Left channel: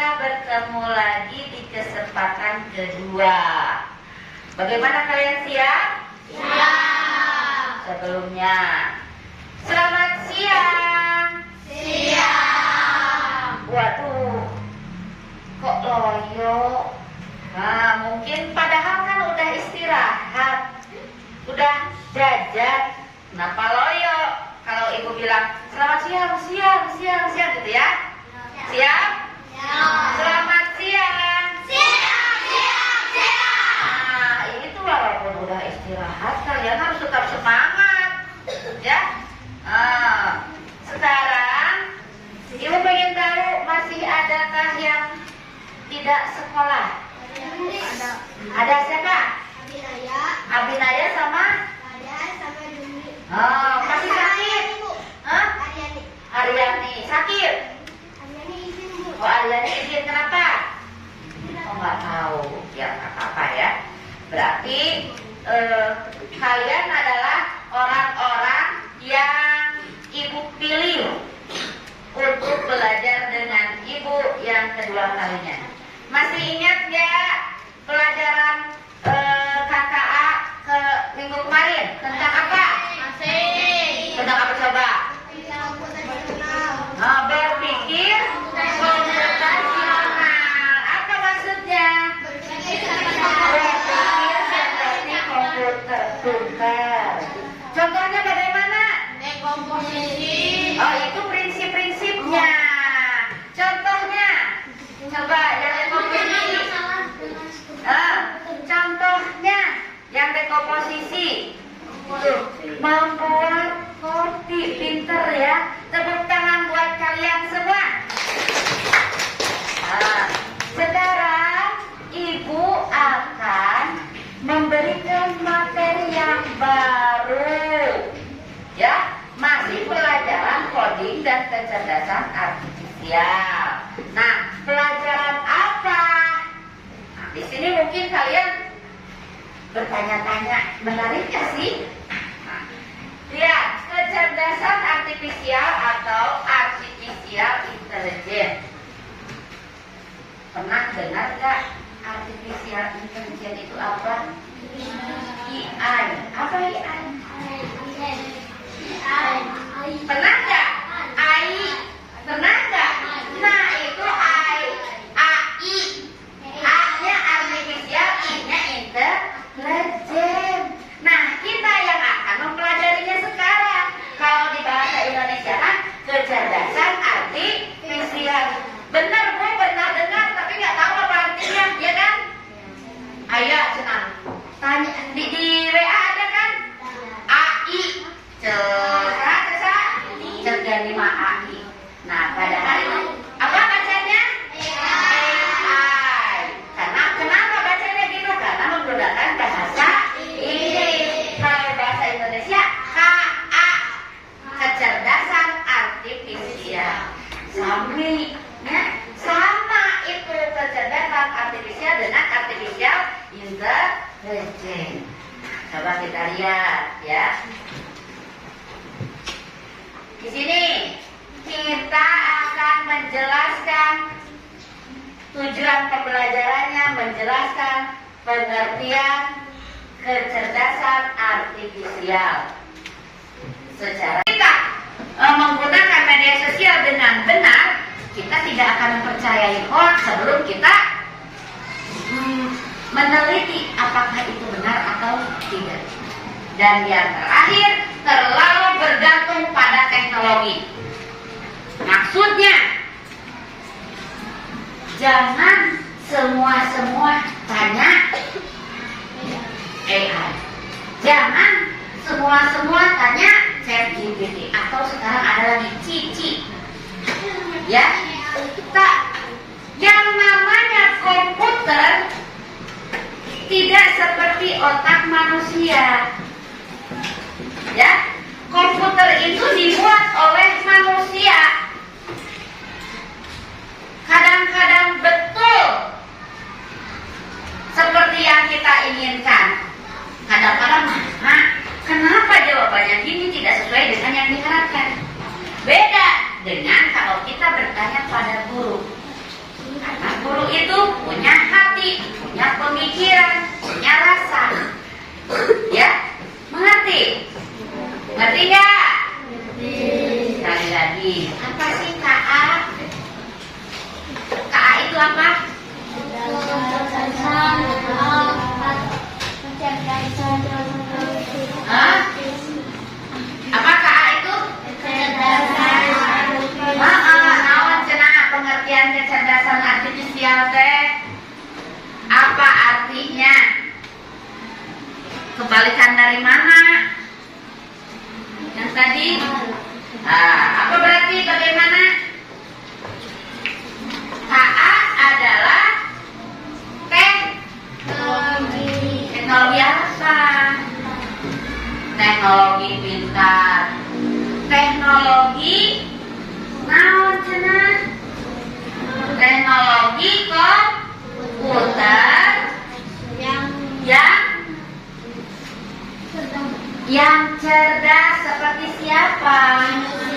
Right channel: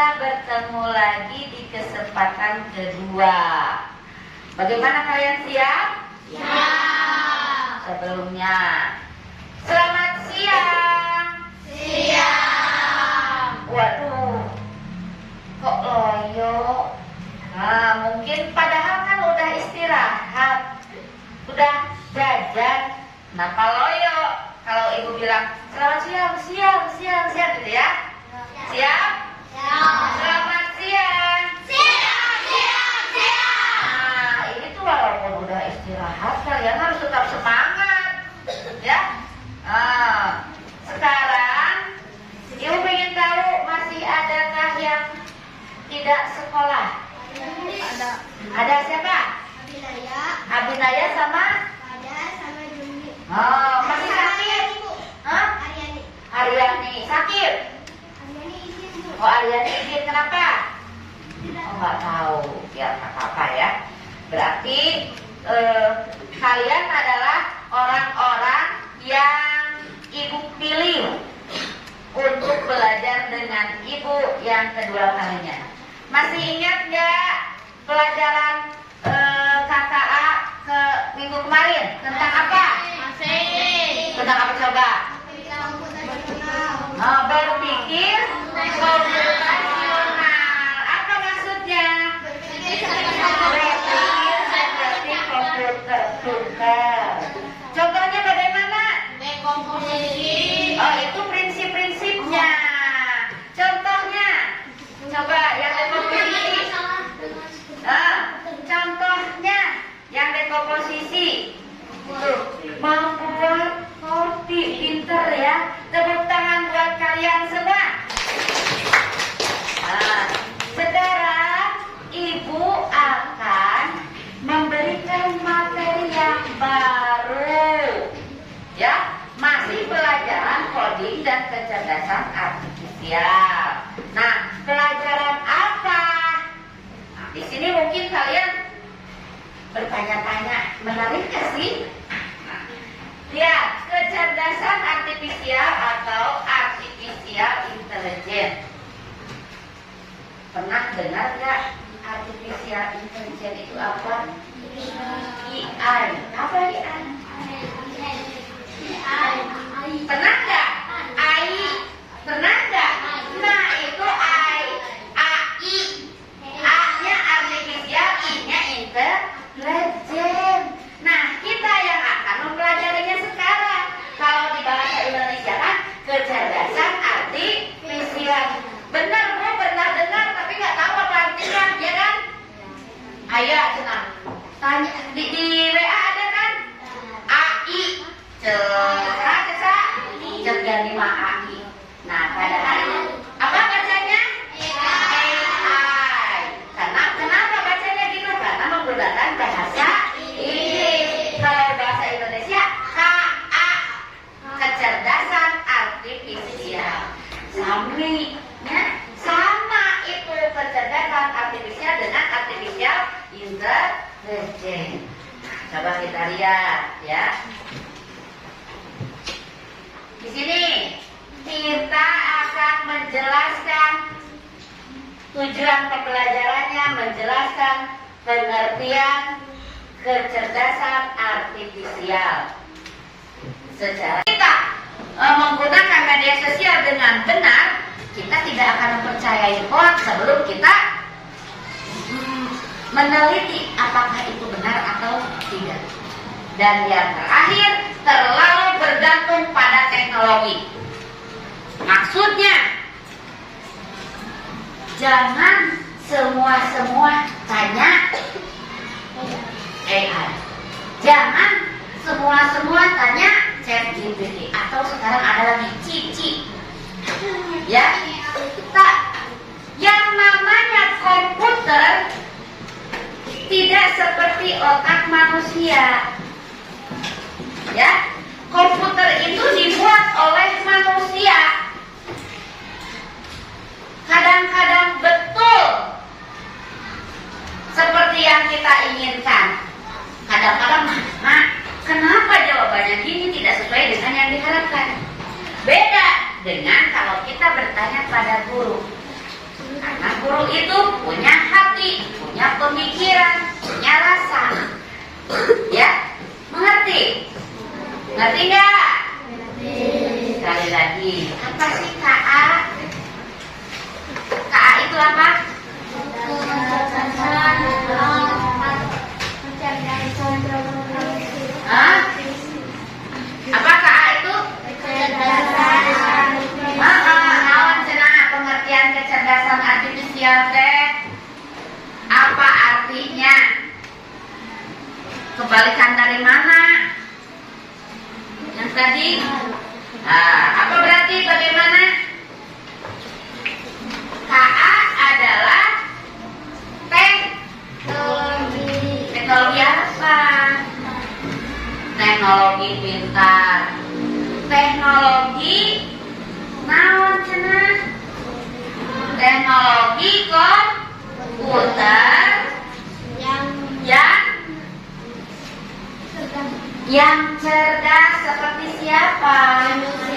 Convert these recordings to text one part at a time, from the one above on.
kita bertemu lagi di kesempatan kedua. Bagaimana kalian siap? Siap. Sebelumnya, selamat siang. Siap. Waduh, kok loyo? Nah, mungkin padahal kan udah istirahat, udah jajan. Kenapa loyo? Kalau ibu bilang selamat siang gitu ya? Siap? Selamat siang. Nah, ini tuh walaupun udah istirahat, kalian harus tetap semangat, ya. Sekarang ibu pengen tahu masih adakah yang tidak sekolah? Ada siapa? Abinaya sama? Oh, masih sakit? Hah? Aryani sakit? Oh, Aryani izin kenapa? Oh, nggak tahu. Ya, nggak apa-apa ya. Berarti kalian adalah orang-orang yang ibu pilih untuk belajar dengan ibu yang kedua kalinya. Masih ingat nggak pelajaran KKA ke minggu kemarin? Tentang apa? Tentang apa coba? Berpikir komputasional. Apa maksudnya? Berpikir seperti komputer tunggal. Contohnya bagaimana? Oh, itu prinsip-prinsipnya. Contohnya, coba yang dekomposisi. Contohnya yang dekomposisi. Membuat roti, pinter ya. Tepuk tangan buat kalian semua. Sekarang ibu akan memberikan materi yang baru, ya, masih pelajaran coding dan kecerdasan artifisial. Nah, pelajaran apa? Nah, di sini mungkin kalian bertanya-tanya, menarik gak sih? Nah, lihat, kecerdasan artifisial atau artificial intelligence. Pernah dengar gak artificial intelligence itu apa? AI. Apa AI? Pernah gak? AI. Pernah gak? Nah, itu AI. A-nya artificial, I-nya intelligence. Nah, kita yang akan mempelajarinya sekarang. Kalau di bahasa Indonesia kan kecerdasan artifisial. Benar, Bu, pernah dengar tapi nggak tahu apa artinya, ya kan? Ayo, senang. Tanya di WA ada kan? AI. Cerdas 5 AI. Nah, padahal apa bacanya? AI. Kenapa bacanya gitu? Karena menggunakan bahasa Inggris. Kalau bahasa Indonesia KA, kecerdasan artifisial. Sama itu kecerdasan artifisial dengan artificial intelligence. Coba kita lihat ya. Di sini kita akan menjelaskan tujuan pembelajarannya, menjelaskan pengertian kecerdasan artifisial. Secara kita menggunakan media sosial dengan benar, kita tidak akan mempercayai hoax sebelum kita meneliti apakah itu benar atau tidak. Dan yang terakhir, terlalu bergantung pada teknologi. Maksudnya, jangan semua tanya AI. Jangan semua tanya ChatGPT atau sekarang ada lagi Cici. Ya, yang namanya komputer tidak seperti otak manusia. Ya, komputer itu dibuat oleh manusia. Kadang-kadang betul seperti yang kita inginkan. Kadang-kadang, kenapa jawabannya gini tidak sesuai dengan yang diharapkan? Beda dengan kalau kita bertanya pada guru. guru itu punya hati, punya pemikiran, punya rasa. Ya, mengerti? Ngerti nggak? Sekali lagi, apa sih KA? KA itu apa? Hah? Apa KA itu? Naon cenah pengertian kecerdasan artifisial teh? Apa artinya? Kebalikan dari mana? Yang tadi? Apa berarti bagaimana? KA adalah teknologi apa? Teknologi pintar. Teknologi naon cenah? Teknologi komputer yang cerdas seperti siapa?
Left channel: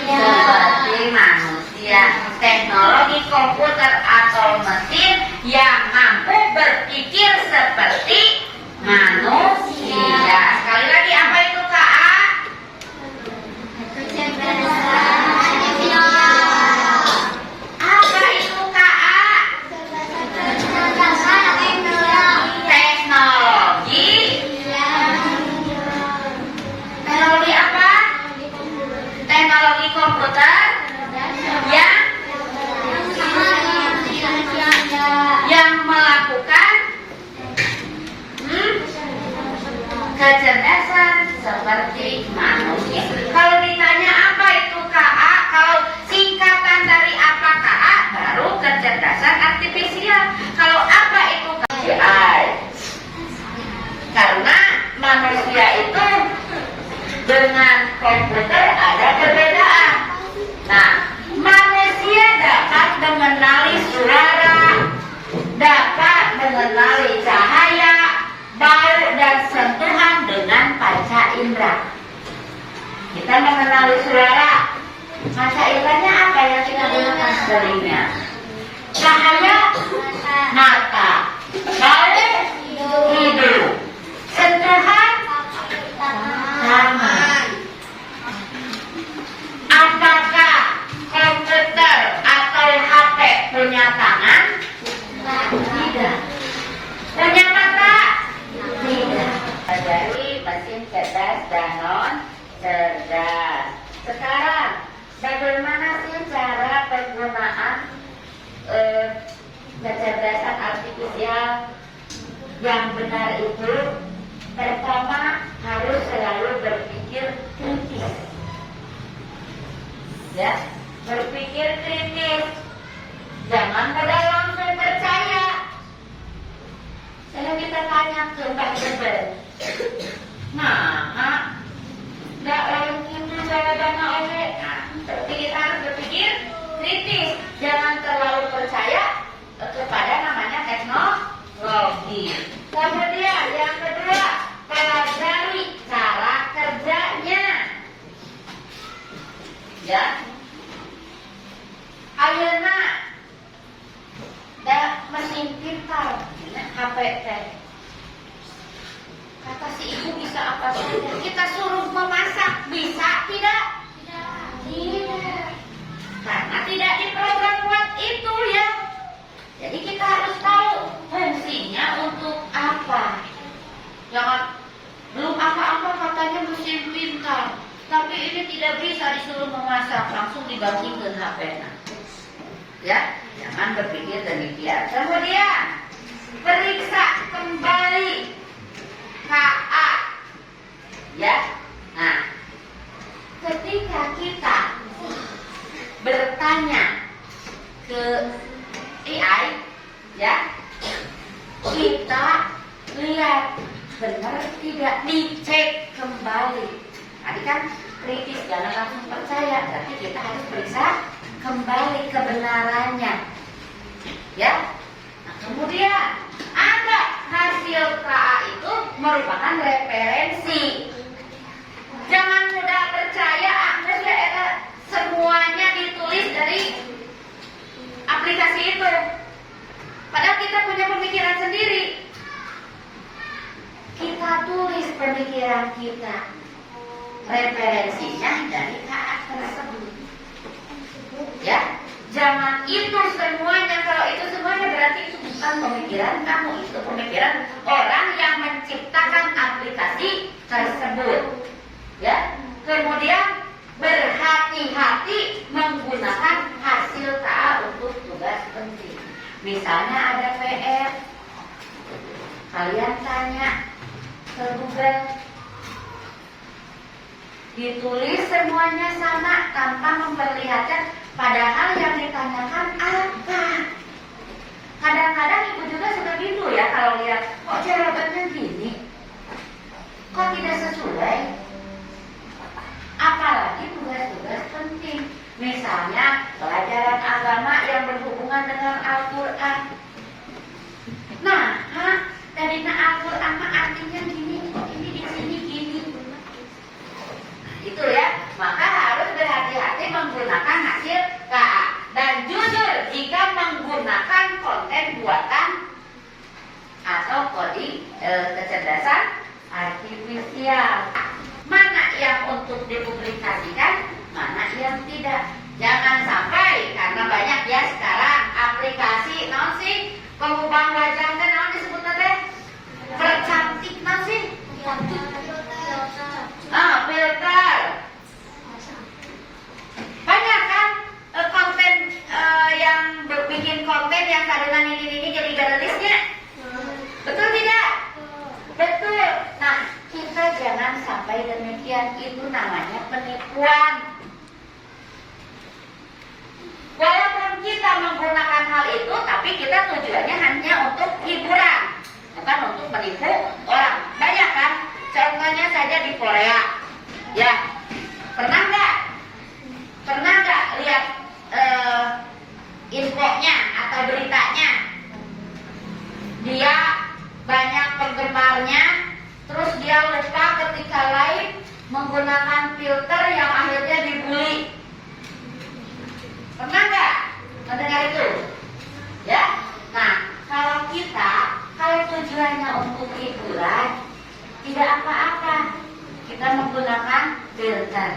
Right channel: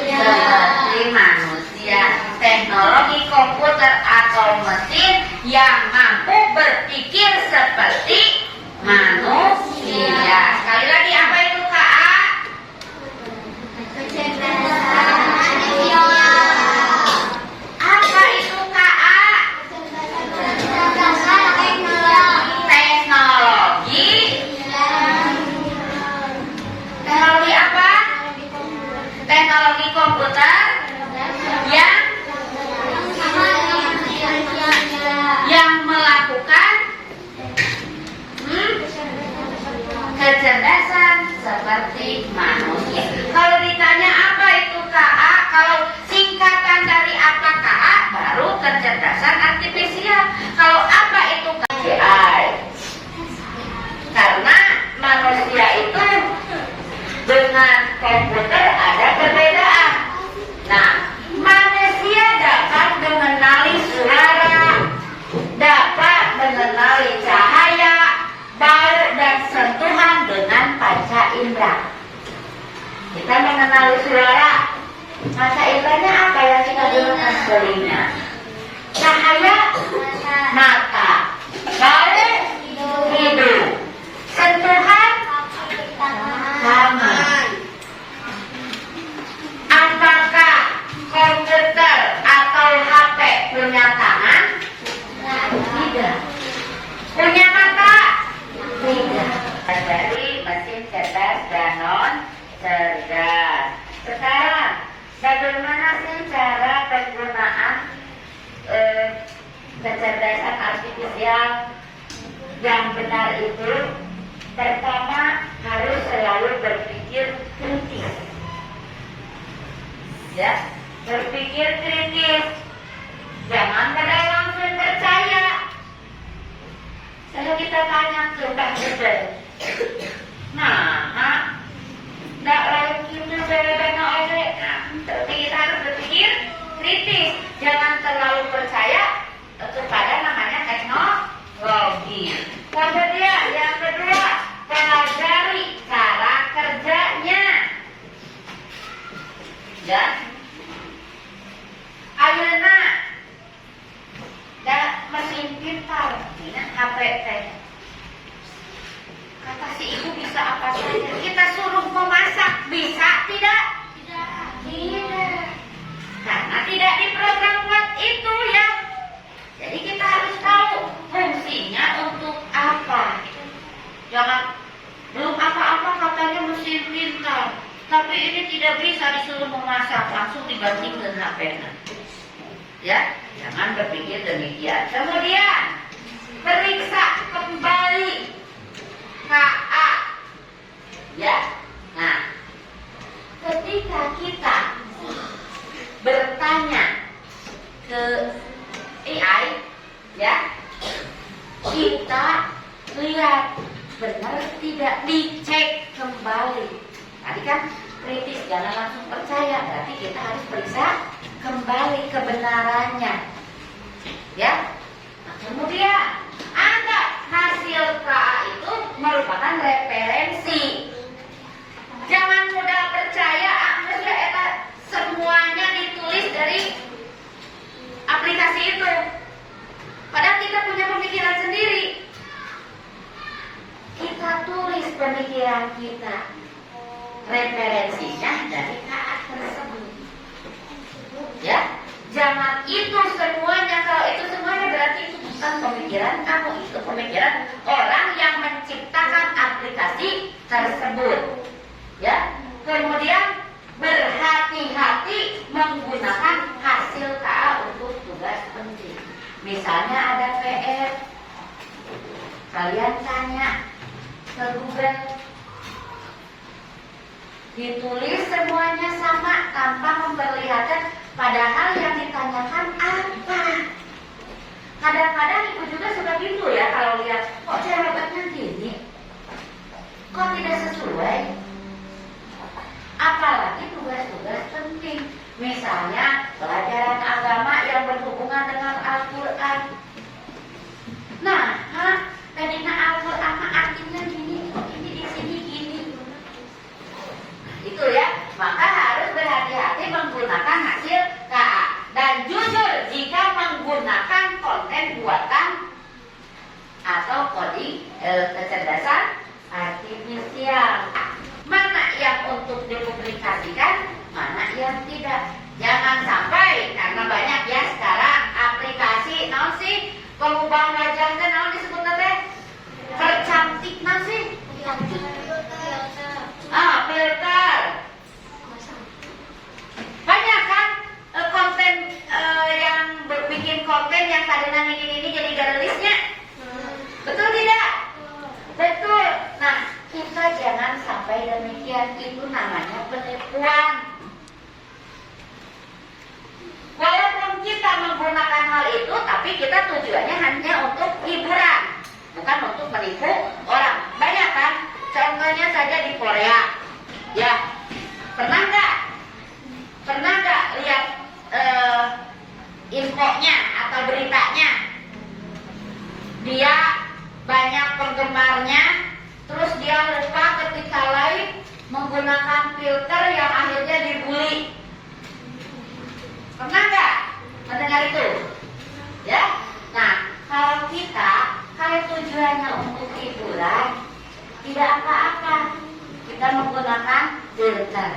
Seperti manusia. Teknologi komputer atau mesin yang mampu berpikir seperti manusia. Sekali lagi, apa itu KA? Apa itu KA? Teknologi apa? Teknologi komputer yang melakukan kecerdasan seperti manusia. Kalau ditanya apa itu KA, kalau singkatan dari apa KA, baru kecerdasan artifisial. Kalau apa itu KA? Karena manusia itu dengan komputer ada perbedaan. Nah, manusia dapat mengenali suara, dapat mengenali cahaya, bau dan sentuhan dengan panca indera. Kita mengenali suara, panca inderanya apa yang kita gunakan sebelumnya? Cahaya, mata, bau, hidung, sentuhan, tangan. Apakah komputer atau HP punya tangan? Tidak. Punya mata? Tidak. Dari mesin cerdas dan non cerdas. Sekarang, bagaimana sih cara penggunaan kecerdasan artifisial yang benar itu? Pertama, harus selalu berpikir kritis. Ya, berpikir kritis. Jangan pada langsung percaya. Saya kita tanya ke Mbak Bebe. Nah, nggak lagi itu jawabannya oleh. Nah, tapi kita harus berpikir kritis. Jangan terlalu percaya kepada namanya teknologi. Kemudian yang kedua, pelajari cara kerjanya. Ya, ayeuna da mesin pintar, ini HP teh. Kata si ibu bisa apa saja. Kita suruh memasak, bisa tidak? Tidak. Karena tidak diprogram buat itu ya. Jadi kita harus tahu fungsinya untuk apa. Jangan belum apa-apa katanya mesin pintar, tapi ini tidak bisa disuruh memasak, langsung dibanting ke HP. Ya, jangan berpikir demikian. Kemudian periksa kembali KA. Ya, nah, ketika kita bertanya ke AI, ya, kita lihat benar tidak, dicek kembali. Tadi kan kritis, jangan langsung percaya, tapi kita harus periksa kembali kebenarannya. Ya, nah, kemudian ada hasil KA itu merupakan referensi. Jangan mudah percaya, semuanya ditulis dari aplikasi itu. kita punya pemikiran sendiri. Kita tulis pemikiran kita. Referensinya dari KA tersebut. Ya, jangan itu semuanya. Kalau itu semuanya berarti itu bukan pemikiran kamu, itu pemikiran orang yang menciptakan aplikasi tersebut. Ya, kemudian berhati-hati menggunakan hasil KA untuk tugas penting. Misalnya ada PR, kalian tanya ke Google, ditulis semuanya sama tanpa memperlihatkan padahal yang ditanyakan apa. Kadang-kadang ibu juga suka bingung ya kalau lihat kok jawabannya gini, kok tidak sesuai. Apalagi tugas-tugas penting, misalnya pelajaran agama yang berhubungan dengan Al-Quran. Nah, tadinya Al-Quran artinya gini, ini di sini gini. Itu ya, maka harus berhati-hati menggunakan hasil KA. Dan jujur jika menggunakan konten buatan atau kode kecerdasan artifisial. Mana yang untuk dipublikasikan, mana yang tidak. Jangan sampai, karena banyak ya sekarang aplikasi, naon sih? Pengubah wajah teh naon disebutna teh? Tercantik naon sih? Filter. Banyak kan konten yang bikin konten yang kadang ini jadi garisnya. Betul tidak? Betul. Nah, kita jangan sampai demikian, itu namanya penipuan. Walaupun kita menggunakan hal itu, tapi kita tujuannya hanya untuk hiburan, bukan untuk menipu orang. Banyak kan? Contohnya saja di Korea. Ya, pernah nggak lihat infonya atau beritanya? Dia banyak penggemarnya, terus dia lupa ketika live menggunakan filter yang akhirnya dibully. Pernah nggak mendengar itu? Ya. Nah, kalau tujuannya untuk hiburan, tidak apa-apa. Kita menggunakan filter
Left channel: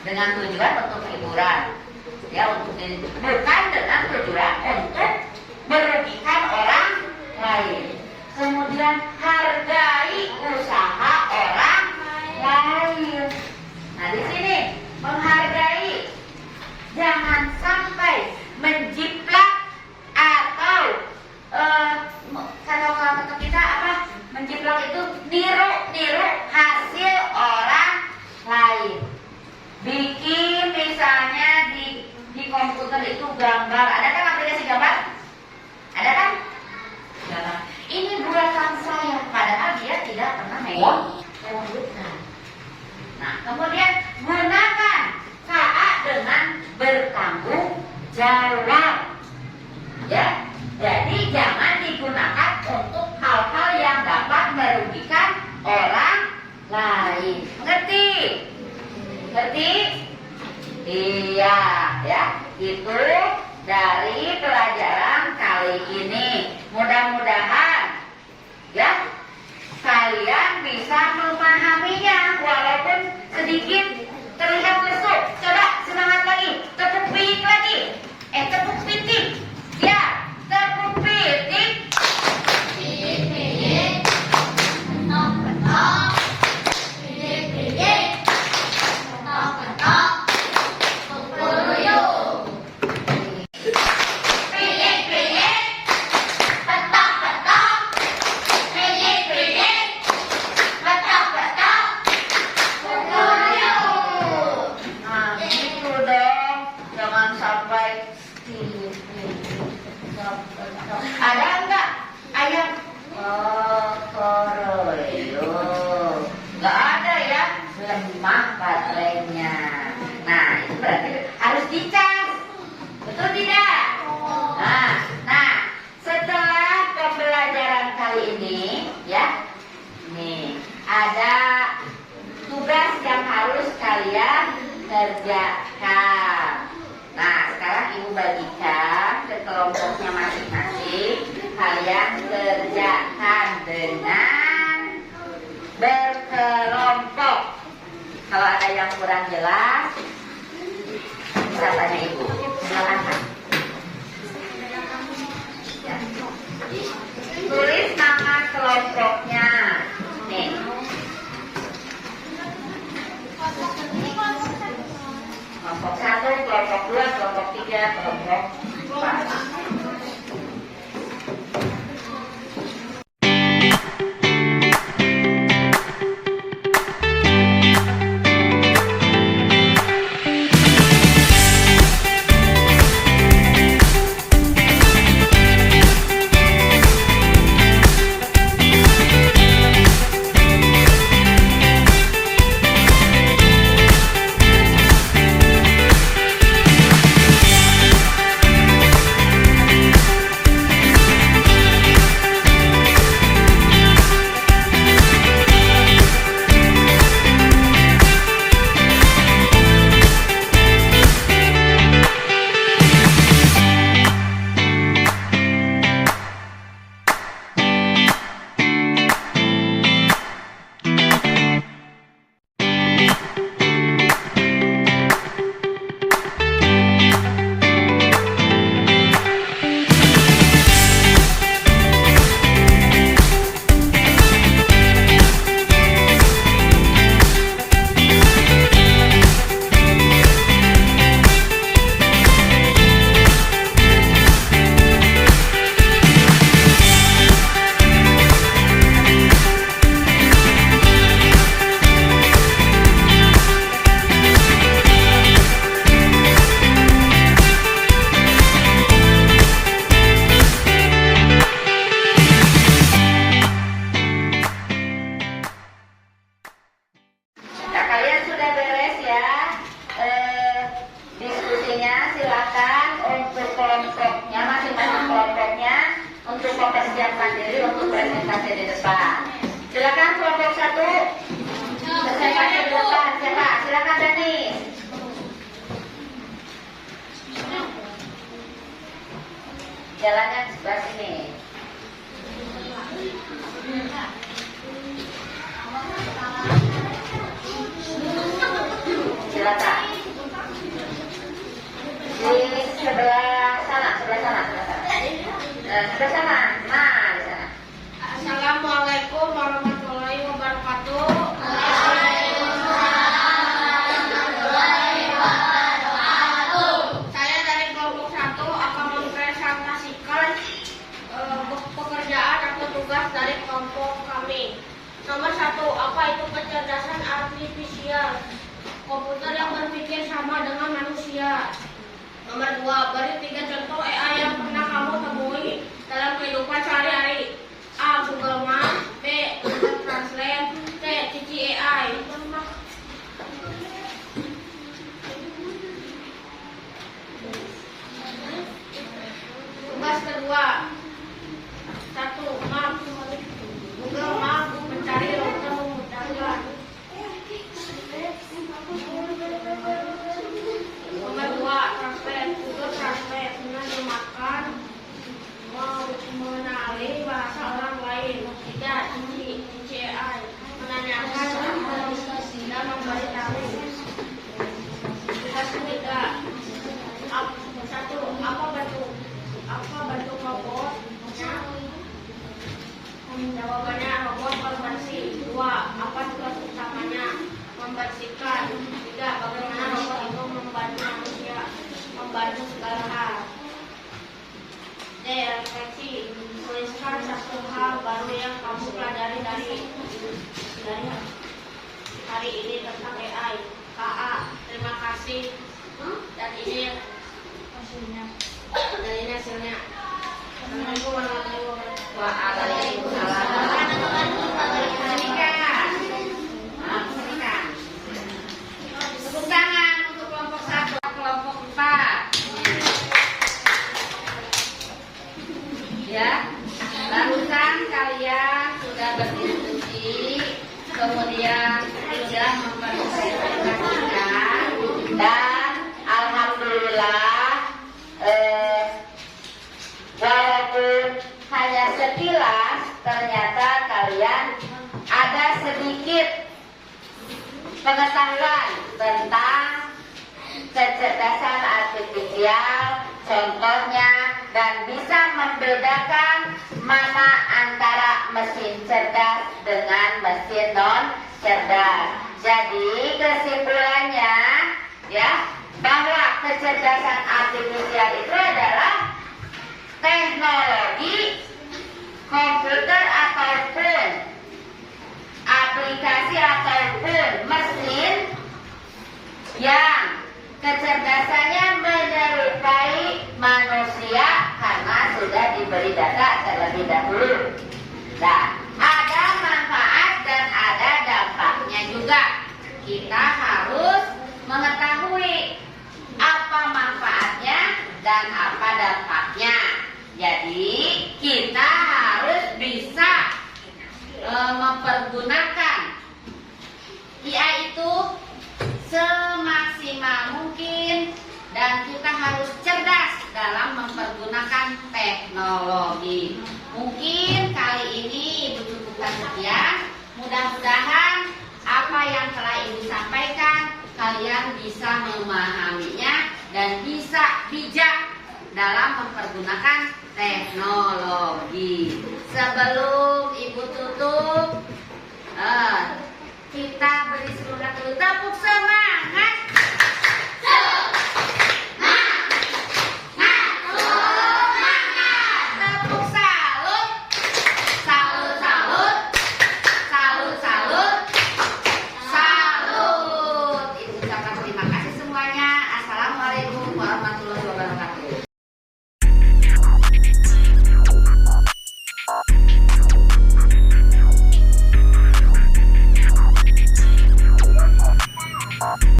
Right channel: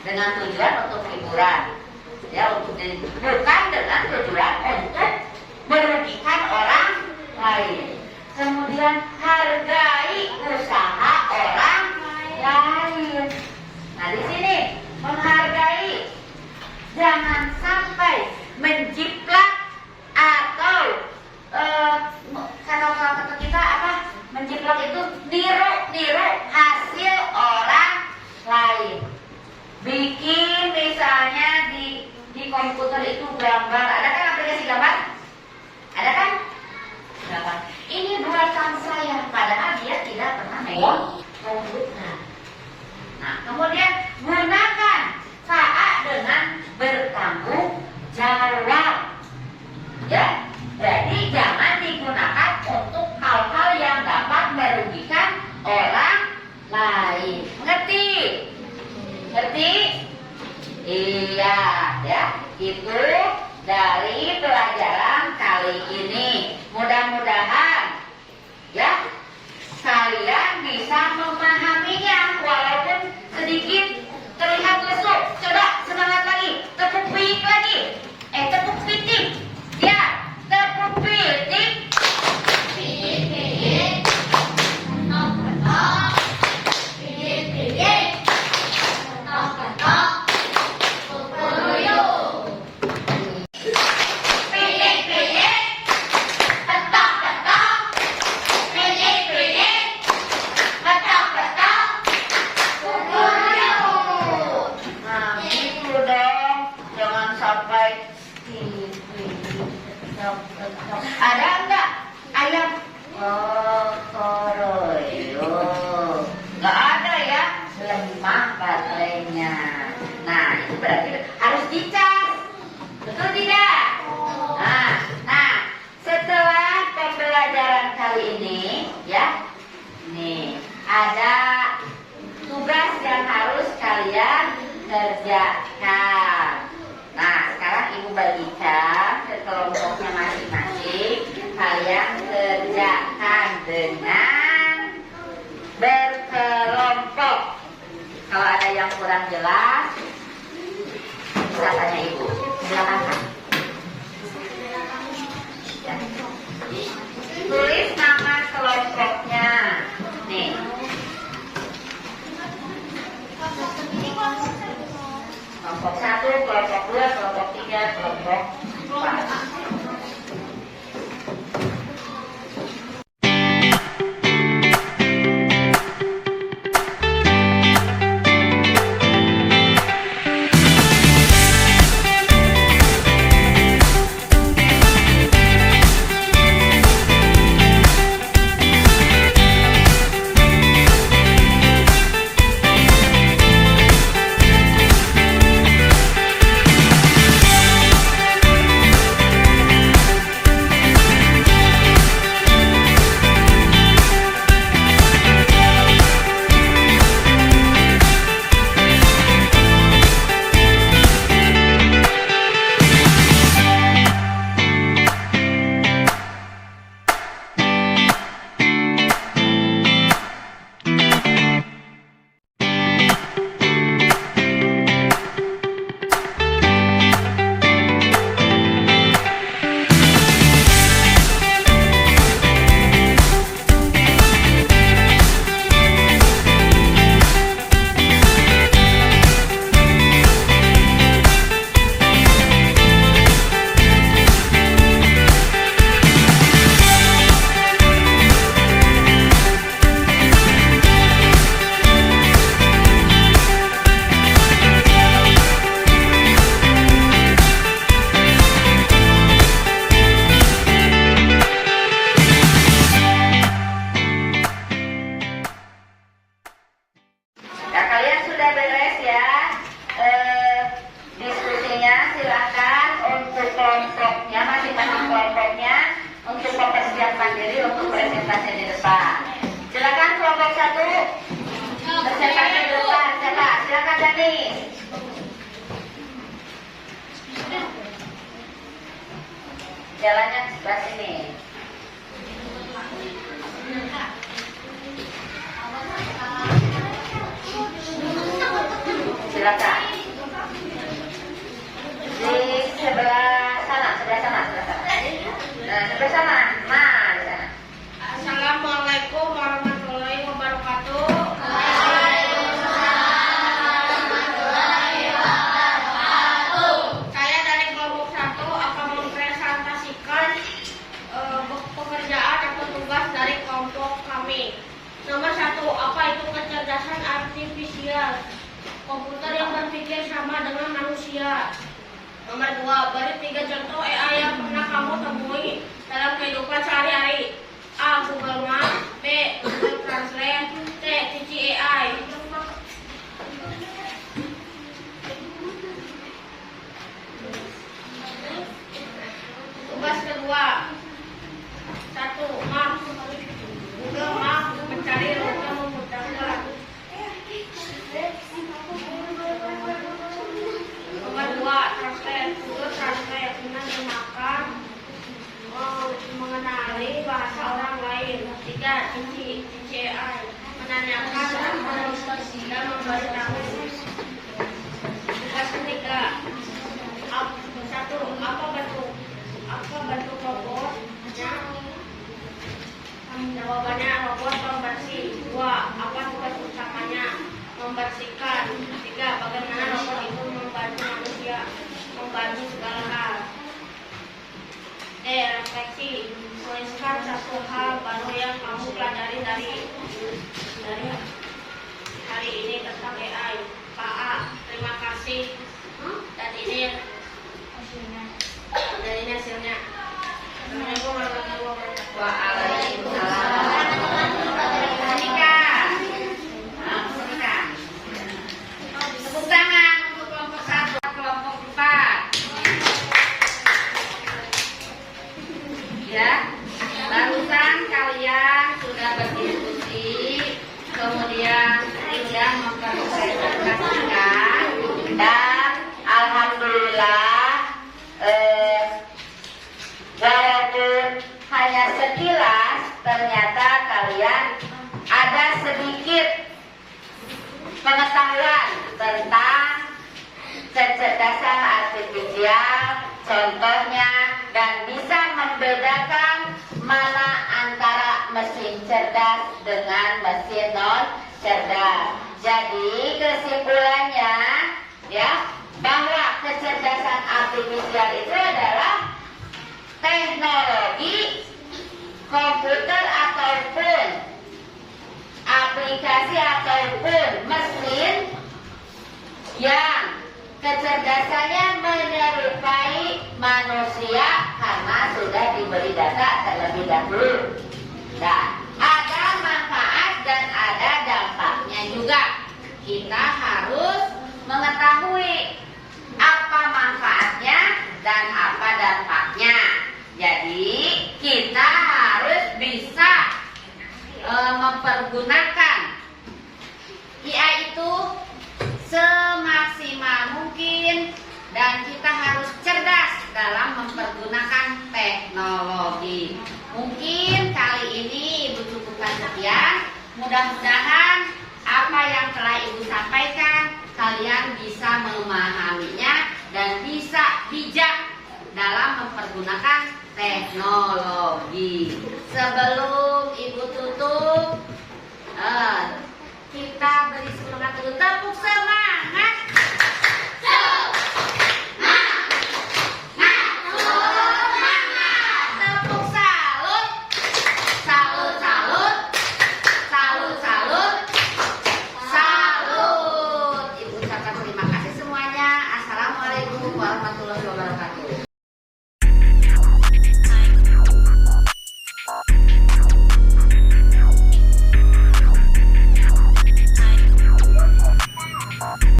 dengan tujuan untuk hiburan, ya, bukan dengan tujuan untuk merugikan orang lain. Kemudian hargai usaha orang lain. Nah, di sini menghargai, jangan sampai menjiplak atau kalau kata kita apa? Menjiplak itu niru hasil orang lain. Bikin misalnya di komputer itu gambar, ada kan aplikasi gambar? Ada kan? Gambar. Ini buatan saya, padahal dia tidak pernah megang komputer. Nah, kemudian gunakan KA dengan bertanggung jawab. Ya, jadi jangan digunakan untuk hal-hal yang dapat merugikan orang lain. Ngerti? Ngerti? Iya, ya. Itu dari pelajaran kali ini. Mudah-mudahan ya kalian bisa memahaminya walaupun sedikit terlihat lesu. Coba semangat lagi, tepuk pitik lagi. Tepuk pitik. Ya, tepuk pitik. Ada enggak ayam koroyo? Enggak ada ya, lemah baterainya. Nah, itu berarti harus dicas. Betul tidak? Nah, setelah pembelajaran kali ini ya, nih ada tugas yang harus kalian kerjakan. Nah, sekarang ibu bagikan ke kelompoknya masing-masing. kalian kerjakan dengan berkelompok. Kalau ada yang kurang jelas, bisa tanya ibu. Silakan. Tulis nama kelompoknya. Nih. Kelompok 1, kelompok 2, kelompok 3, kelompok 4. Nah, kalian sudah beres ya diskusinya. Silakan untuk kelompoknya, masing-masing kelompoknya untuk mempersiapkan diri untuk presentasi di depan. Silakan kelompok 1 presentasi di depan. Silakan Dani. Jalannya di sebelah sini. Silakan. Di sebelah sana. Sebelah sana. Di sana. Assalamualaikum warahmatullahi wabarakatuh. Saya dari kelompok 1 akan mempresentasikan pekerjaan atau tugas dari kelompok kami. Nomor 1, apa itu kecerdasan artifisial? Komputer yang berpikir sama dengan manusia. Nomor 2, beri 3 contoh AI yang pernah kamu temui dalam kehidupan sehari-hari. A. Google Maps. B. Google Translate. C. Cici AI. Tugas kedua. 1. Maps. Google Maps mencari rute memudahkan. Nomor 2. Translate. Google Translate menerjemahkan, mengenali bahasa orang lain. 3. Cici AI menanyakan dan memberitahu. Tugas ketiga. 1. Apa bentuk robotnya? Jawabannya robot pembersih. 2. Apa tugas utamanya? Membersihkan. 3. Bagaimana robot itu membantu manusia membantu segala hal. D. Refleksi. Tuliskan satu hal baru yang kamu pelajari dari hari ini tentang AI. A. Terima kasih. Dan ini hasilnya. Assalamualaikum warahmatullahi wabarakatuh. Waalaikumsalam. Tepuk tangan untuk kelompok 1, kelompok 4. Ya, barusan kalian sudah berdiskusi, kemudian sudah mempresentasikan, dan alhamdulillah walaupun hanya sedikit pengetahuan tentang kecerdasan artifisial, contohnya, dan bisa membedakan mana antara mesin cerdas dengan mesin non cerdas. Jadi kesimpulannya ya, bahwa kecerdasan artifisial itu adalah teknologi komputer ataupun aplikasi ataupun mesin yang kecerdasannya menyerupai manusia karena sudah diberi data terlebih dahulu. Nah, ada manfaat dan ada dampaknya juga. Kita harus mengetahui apa manfaatnya dan apa dampaknya. Jadi kita harus bisa mempergunakan IA itu semaksimal mungkin, dan kita harus cerdas dalam mempergunakan teknologi. Mungkin kali ini Ibu cukupkan sekian. Mudah-mudahan apa yang telah Ibu sampaikan kalian bisa memahaminya dan bisa bijak dalam mempergunakan teknologi. Sebelum Ibu tutup,